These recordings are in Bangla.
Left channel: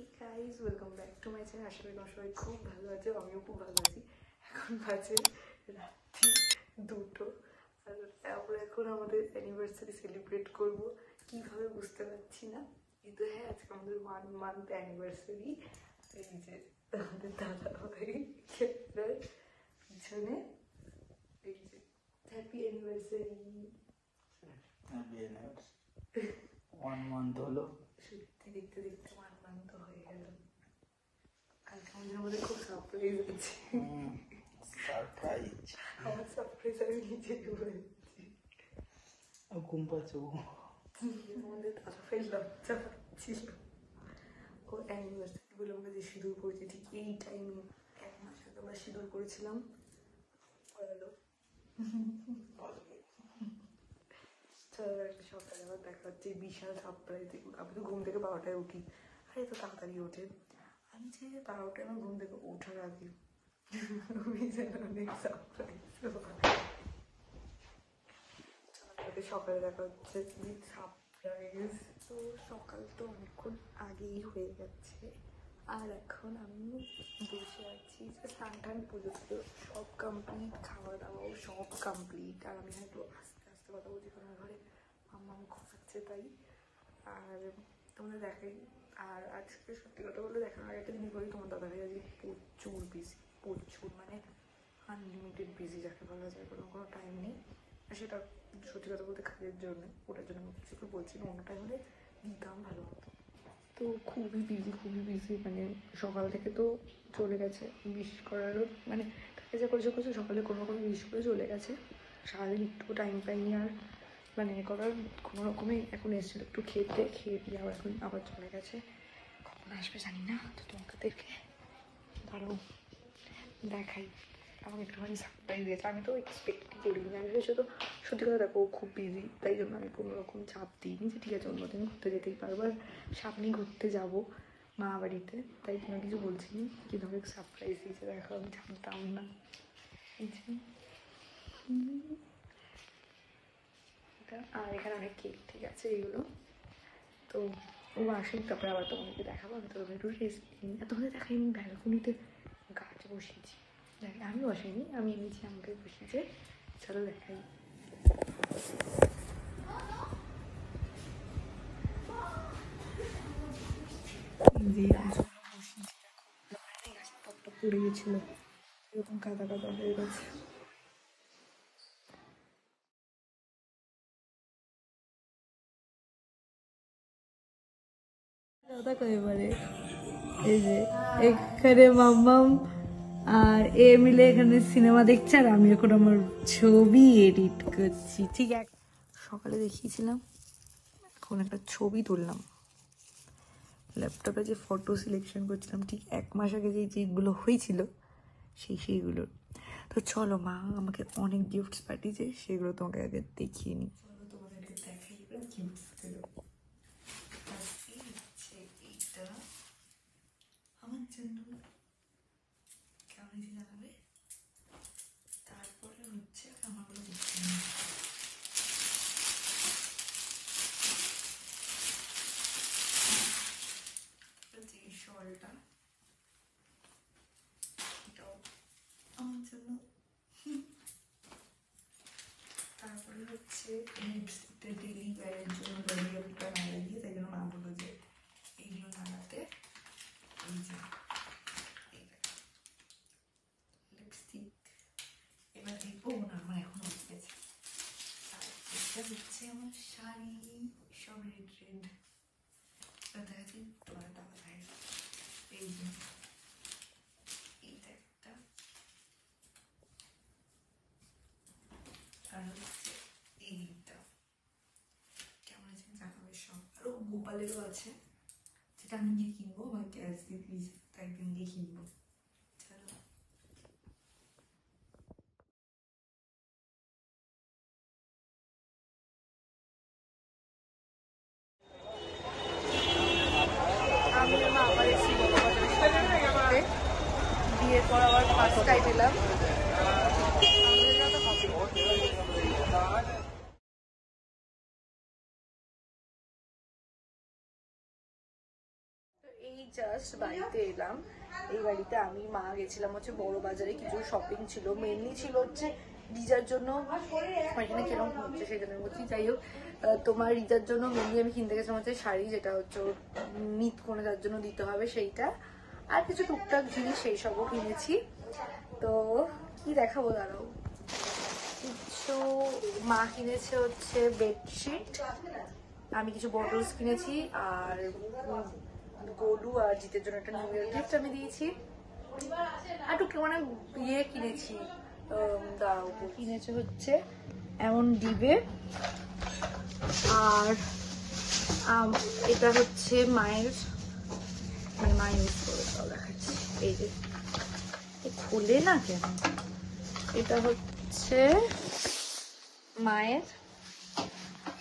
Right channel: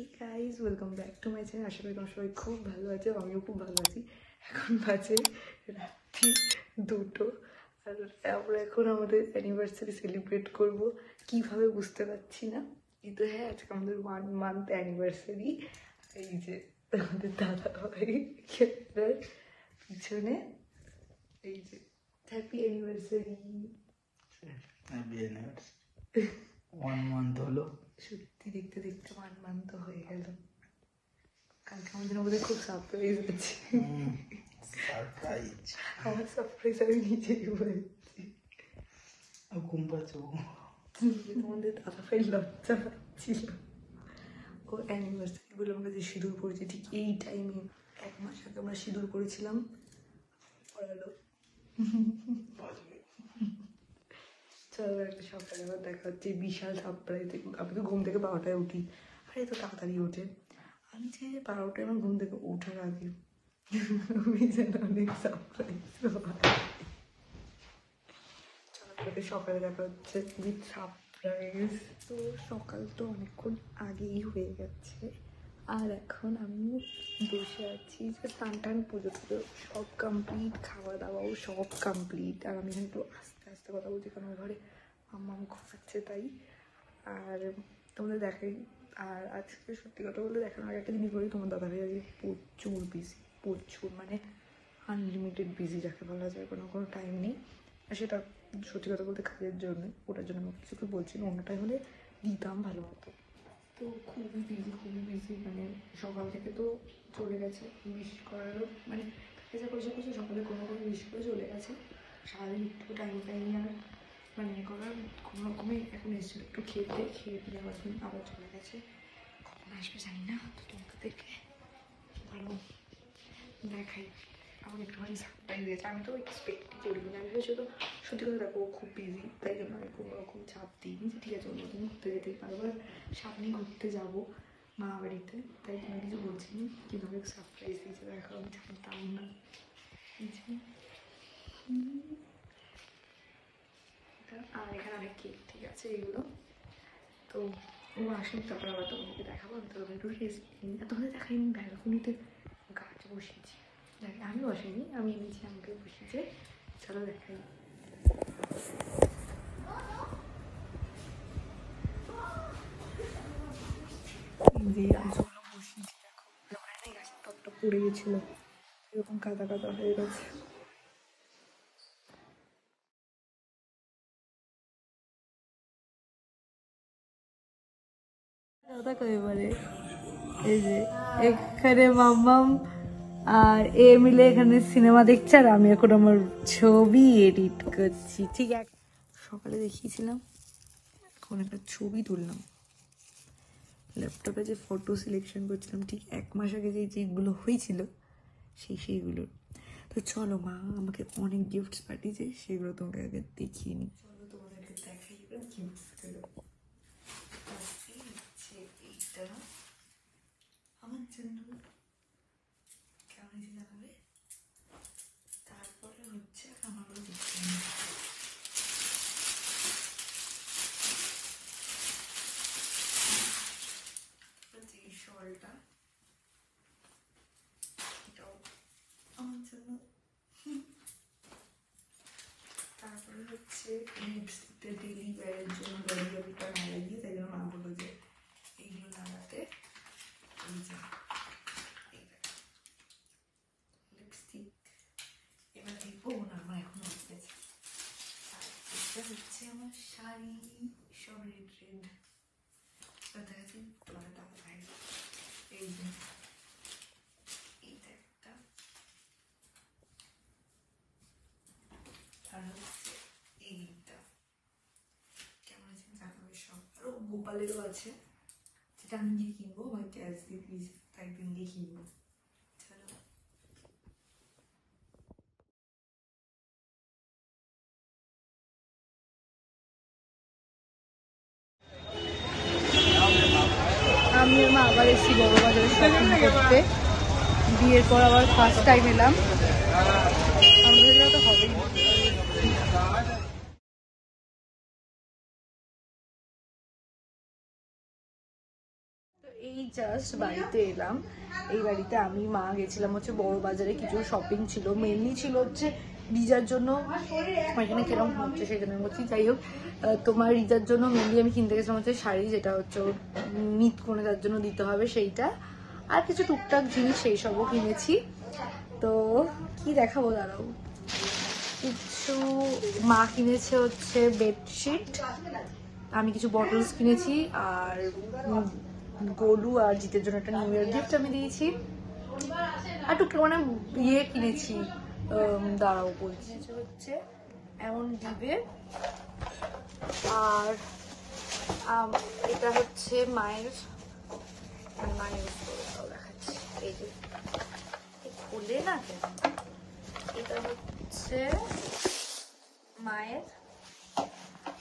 Hey guys, welcome back to my channel. আশা করি তোমরা সবাই খুব ভালো আছে, আমিও খুব ভালো আছি। এখন বাজে রাত্রি 2টো, আর আমরা এখন আমাদের অ্যানিভার্সারি সেলিব্রেট করবো। কীভাবে বুঝতে পারছি না, কিন্তু হ্যাঁ, আজকে আমাদের 1 মান্থ অ্যানিভার্সারি। এই যে আমাদের দাদা ভাই পিছনে, এই যে হ্যাপি অ্যানিভার্সারি। 1 মান্থ হলো। সত্যি দেখতে দেখতে 1 মান্থ হয়ে গেল। কালকে আমাদের মধ্যে খুব সারপ্রাইজ আছে। আমার সারপ্রাইজ আমি নিজেই বলেছি। আমাদের দাদা ভাই লজ্জা পাচ্ছিল। ও অ্যানিভার্সারি বলে আমরা যে সিঁদুর পড়েছি, ঠিক এই টাইমে 1 মাস আগে আমরা সিঁদুর পড়েছিলাম। পড়ালো। চলো একটা সকালে আবার দেখা হচ্ছে। বিশাল সারপ্রাইজ। আমি তো ঘুম থেকে 12টায় উঠি, আর এই তো তাড়াতাড়ি ওঠে। আমি যে 12টায় আমার ঘুম থেকে ওঠার আগে আমি যেন অনেক সারপ্রাইজ। চলো সকালে দেখা হচ্ছে উইথ সারপ্রাইজ। তো সকাল তো অনেকক্ষণ আগেই হয়ে গেছে, আর এখন আমি বসে আছি। যে স্নান টান পুজো টুজো সব কমপ্লিট, খাওয়া দাওয়াও সব কমপ্লিট। আর আমি এখানে একটু আস্তে আস্তে কথা বলছি, কারণ আমার ঘরে মাম্মা ঘুমাচ্ছে তাই। আর তোমাদের দেখাই। আর আজকে সত্যি কথা বলতে দেখানোর আগে একটা জিনিস বলি, তোমার দাদাভাই আজকে প্রচুর বিজি, প্রচুর মানে আনলিমিটেড বিজি যাকে বলা যায়। কোনো টাইম নেই। আর সেটা সত্যি কথা বলতে কাজের জন্য, ওটার জন্য আমি কিছু বলছি না। অন্যটাই হলে দিতাম ভালো মতো। তো খুবই বিজি মানে সকাল থেকে তো চলে গেছে। উইশ করারও মানে কাজে করছে সকালে কোনো উইশ করে চলে গেছে। সারাদিন একটু টাইম পাইনি আর মানে করার। কোনো রকমই এখন এসেছিলো, একটু খেয়ে দিয়ে আবার চলে গেছে। কখন আসবে জানি না। তো তোমাদেরকে দারুণ দেখাই। আমার একটুখানি সারপ্রাইজ দিয়েছে, আমি তো এক্সপেক্টই করিনি। আমি ভেবেছি তো সত্যি কথা দেখো খুব বিজি, তাই জন্য আমি কোনো রকম চাপ দিইনি যে ঠিক আছে অন্যদিন ঘুরতে যেতেই পারবো। আর সামনে ঘুরতে যাবো মা বাড়িতে, তাই জন্য কিছু বলছি না। কিন্তু অনেক সারপ্রাইজ দিয়েছে, দেখো আমি জানতাম না। আর এখানে অনেক কেক ঠিক আছে এগুলো। তো ও আসুন, তারপরে আবার তোমাকে দেখাবো। আমি তো তোমাদের দেখাই আমি ব্যালকনিতে গাছ বসিয়েছি। আমি বসিনি, আমি নিচে আমাকে বসিয়েছে। চলো দেখাই। গাছটা পড়ে গেছিল, এরকম কাদা কাদা হয়ে গেছে। দেখো এবারে এই যে এখানে মাম্মাম আর এ মিলে এখানে সিনেমা দেখছে, আর আমি এখন আমার ছবি এডিট করছি। ঠিক আছে, সকালে দেখিয়েছিলাম তখন একটা ছবি তুললাম ল্যাপটপে, যে ফটো সিলেকশন করছিলাম ঠিক 1 মাস আগে যেগুলো হয়েছিল সেইগুলো। তো চলো, মা আমাকে অনেক গিফটস পাঠিয়েছে, সেগুলো তোমাকে আগে দেখিয়ে নিই। চলো তোমাদেরকে দেখাই গিফটসগুলো। এইটা আমার জন্য, কেমন জানাবে। তারপরে হচ্ছে আমারগুলো দেখতে নিই। এই শলটা, এটাও আমার জন্য। তারপরে হচ্ছে লিপস্টিকটা ডেলি ওয়ারের জন্য গরিবটা না লাগিয়ে, তাই জন্য মা বললো যে এইগুলো লাগাতে। এই যে লিপস্টিক এবার দেখবো না, আমার এখন হয়ে গেছে। আর এটা হচ্ছে আমার শাড়ি, সব রেড দেখাচ্ছি তোমার দাদা ভাইয়ের। এই যে এইটা একটা, আর হচ্ছে এইটা। কেমন আছে জানাবে সব। আরো গোপালেরও আছে, যেটা আমি গিয়ে কিনবো, আমার ক্যাশ দিয়ে প্লিজ একদিন গিয়ে কিনবো। চলো আমি আর মা আবার এসেছি বড় বাজারে শপিং করতে। বিয়ের পর আবার ফার্স্ট টাইম এলাম। আমাদের তো হবেই না। তো এই জাস্ট বাড়িতে এলাম। এই বাড়িতে আমি মা গেছিলাম হচ্ছে বড় বাজারে, কিছু শপিং ছিল, মেনলি ছিল হচ্ছে রিজার জন্য। এখানে কিরকম হচ্ছে সেই জন্য বলছি। যাই হোক, তোমার রিজার জন্য মেনলি আমি কিনতে গেছিলাম হচ্ছে শাড়ি, যেটা হচ্ছে ওর নিত কোণে তার জন্য দিতে হবে সেইটা, আর কিছু টুকটাক জিনিস সেই সবও কিনেছি। তো কি দেখাবো দাঁড়াও। কিছু মা কিনেছে হচ্ছে বেডশিট, আমি কিছু বটলস কিনেছি, আর গোলু আর জিতের জন্য একটা নিউ ইয়ার গিফট আমি দিয়েছি, আর টুকটাক মানে ইয়ে কিনেছি। দাঁড়াও কিনেছে হচ্ছে এমন দিবে, আর এটা হচ্ছে মায়ের, মানে মা ইউজ করে, তাও দেখাচ্ছি। এই যে খুলে না কেন, এটা হচ্ছে মায়ের,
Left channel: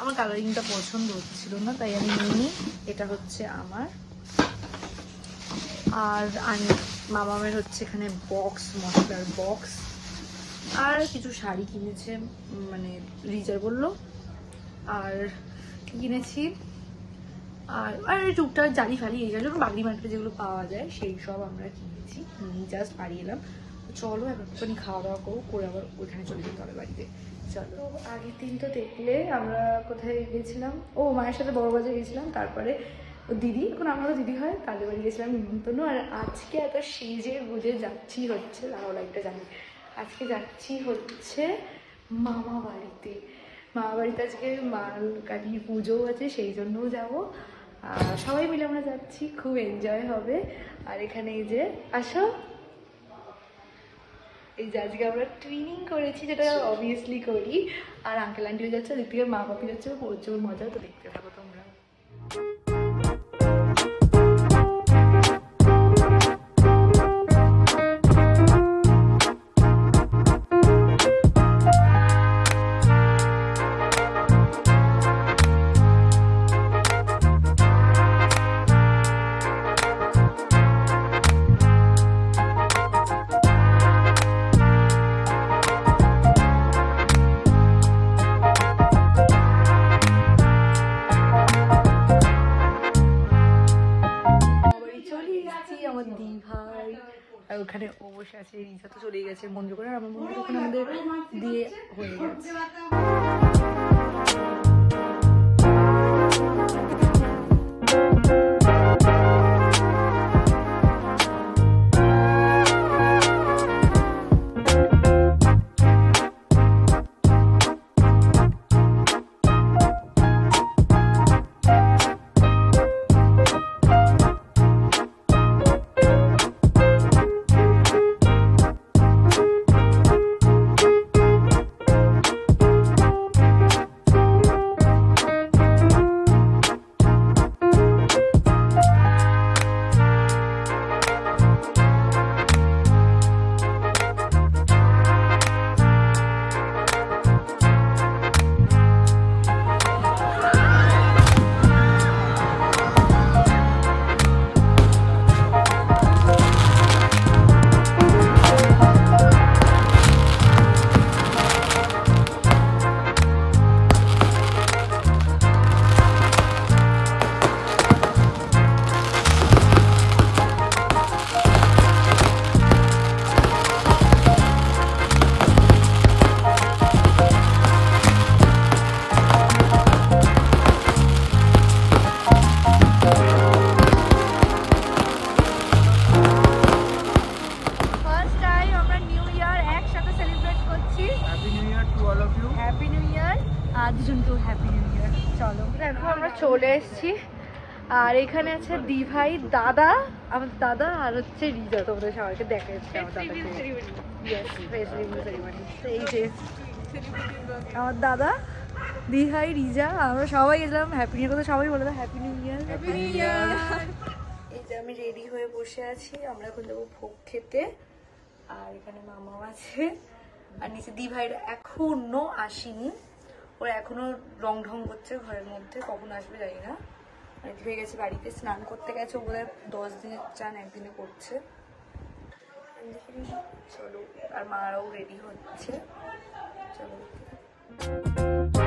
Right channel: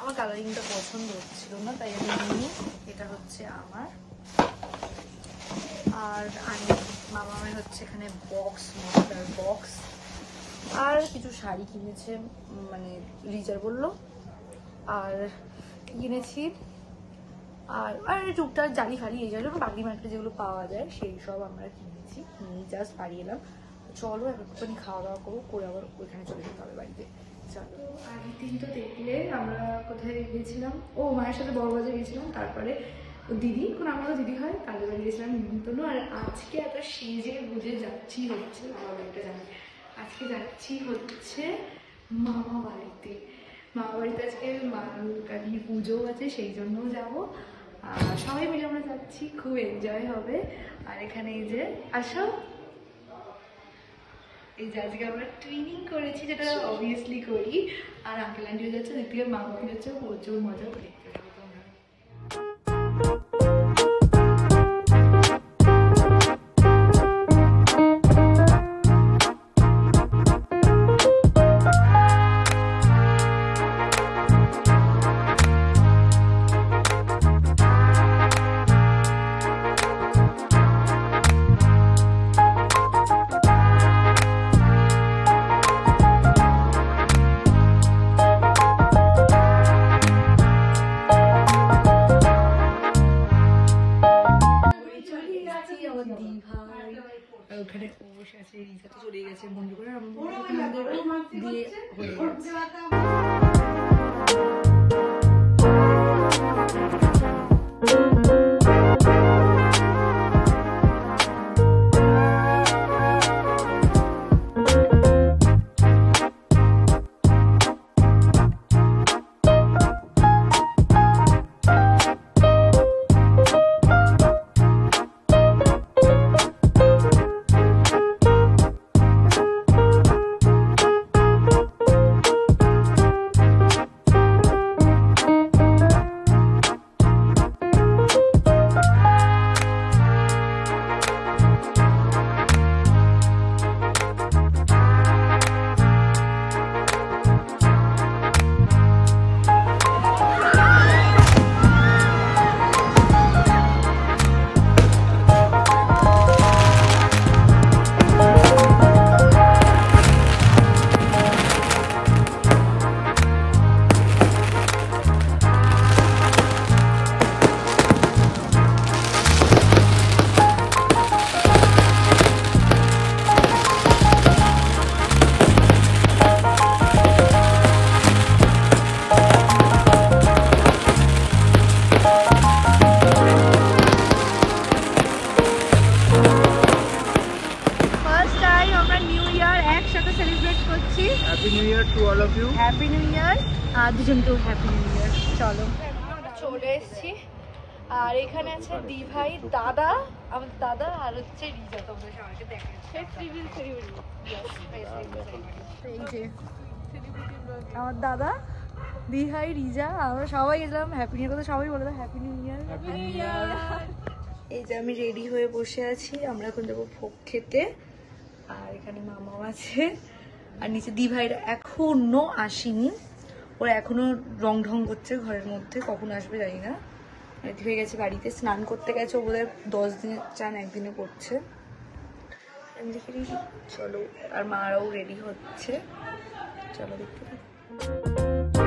আমার কালারিংটা পছন্দ হচ্ছিল না তাই আমি নিইনি। এটা হচ্ছে আমার, আর মামামের হচ্ছে এখানে বক্স, মশলার বক্স, আর কিছু শাড়ি কিনেছে, মানে রিজার বললো। আর কিনেছি আর আর টুকটাক জালি ফালি এই যেগুলো বাগড়ি মার্কেটে যেগুলো পাওয়া যায় সেই সব আমরা কিনেছি। নিয়ে জাস্ট বাড়ি এলাম। চলো একটুখানি খাওয়া দাওয়া করবো, করে আবার ওইখানে চলে যেতে হবে বাড়িতে। চলো, আগের দিন তো দেখলে আমরা কোথায় গেছিলাম, ও মায়ের সাথে বড় বাজার গেছিলাম, তারপরে দিদি, এখন আমারও দিদি হয়, কালী বাড়ি গেছিলাম নিমন্ত্রণ। আর আজকে একটা সেজে গুজে যাচ্ছি হচ্ছে, আরো লাইটটা জানি, আজকে যাচ্ছি হচ্ছে মামা বাড়িতে। মামা বাড়িতে আজকে মা কালী পুজো আছে, সেই জন্যও যাবো। আর সবাই মিলে আমরা যাচ্ছি, খুব এনজয় হবে। আর এখানে এই যে আসো, এই যে আজকে আমরা ট্রেনিং করেছি, যেটা অবভিয়াসলি করি। আর আঙ্কেল আন্টিও যাচ্ছে, ওদিক থেকে মা বাপি যাচ্ছে, প্রচুর মজা করে দেখতে থাকো তোমরা। ওখানে ও বসে আছে, রিজা তো চলে গেছে বন্ধু করে, আমার মনে হয় ওখানে আমাদের দিয়ে হয়ে গেছে। দুজনকেও হ্যাপি নিউ ইয়ার। চলো দেখো আমরা চলে এসেছি, আর এখানে আছে দি ভাই, দাদা, আমার দাদা, আর হচ্ছে রিজা। তোমাদের সবাইকে দেখা যাচ্ছে আমার দাদাকে, এই যে আমার দাদা, দি ভাই, রিজা, আমরা সবাই এলাম হ্যাপি নিউ ইয়ার। সবাই বলে দাও happy new year. Happy new year. এই যে আমি রেডি হয়ে বসে আছি, আমরা এখন যাবো ভোগ খেতে। আর এখানে মামাও আছে, আর নিচে দি ভাইরা এখনো আসেনি, ওরা এখনো রং ঢং করছে ঘরের মধ্যে, কখন আসবে জানি না। রেডি হয়ে গেছে, বাড়িতে স্নান করতে গেছে, ও বোধহয় 10 দিনের চান একদিনে করছে। আমি দেখি চলো, আর মারাও রেডি হচ্ছে, চলো দেখতে থাকি।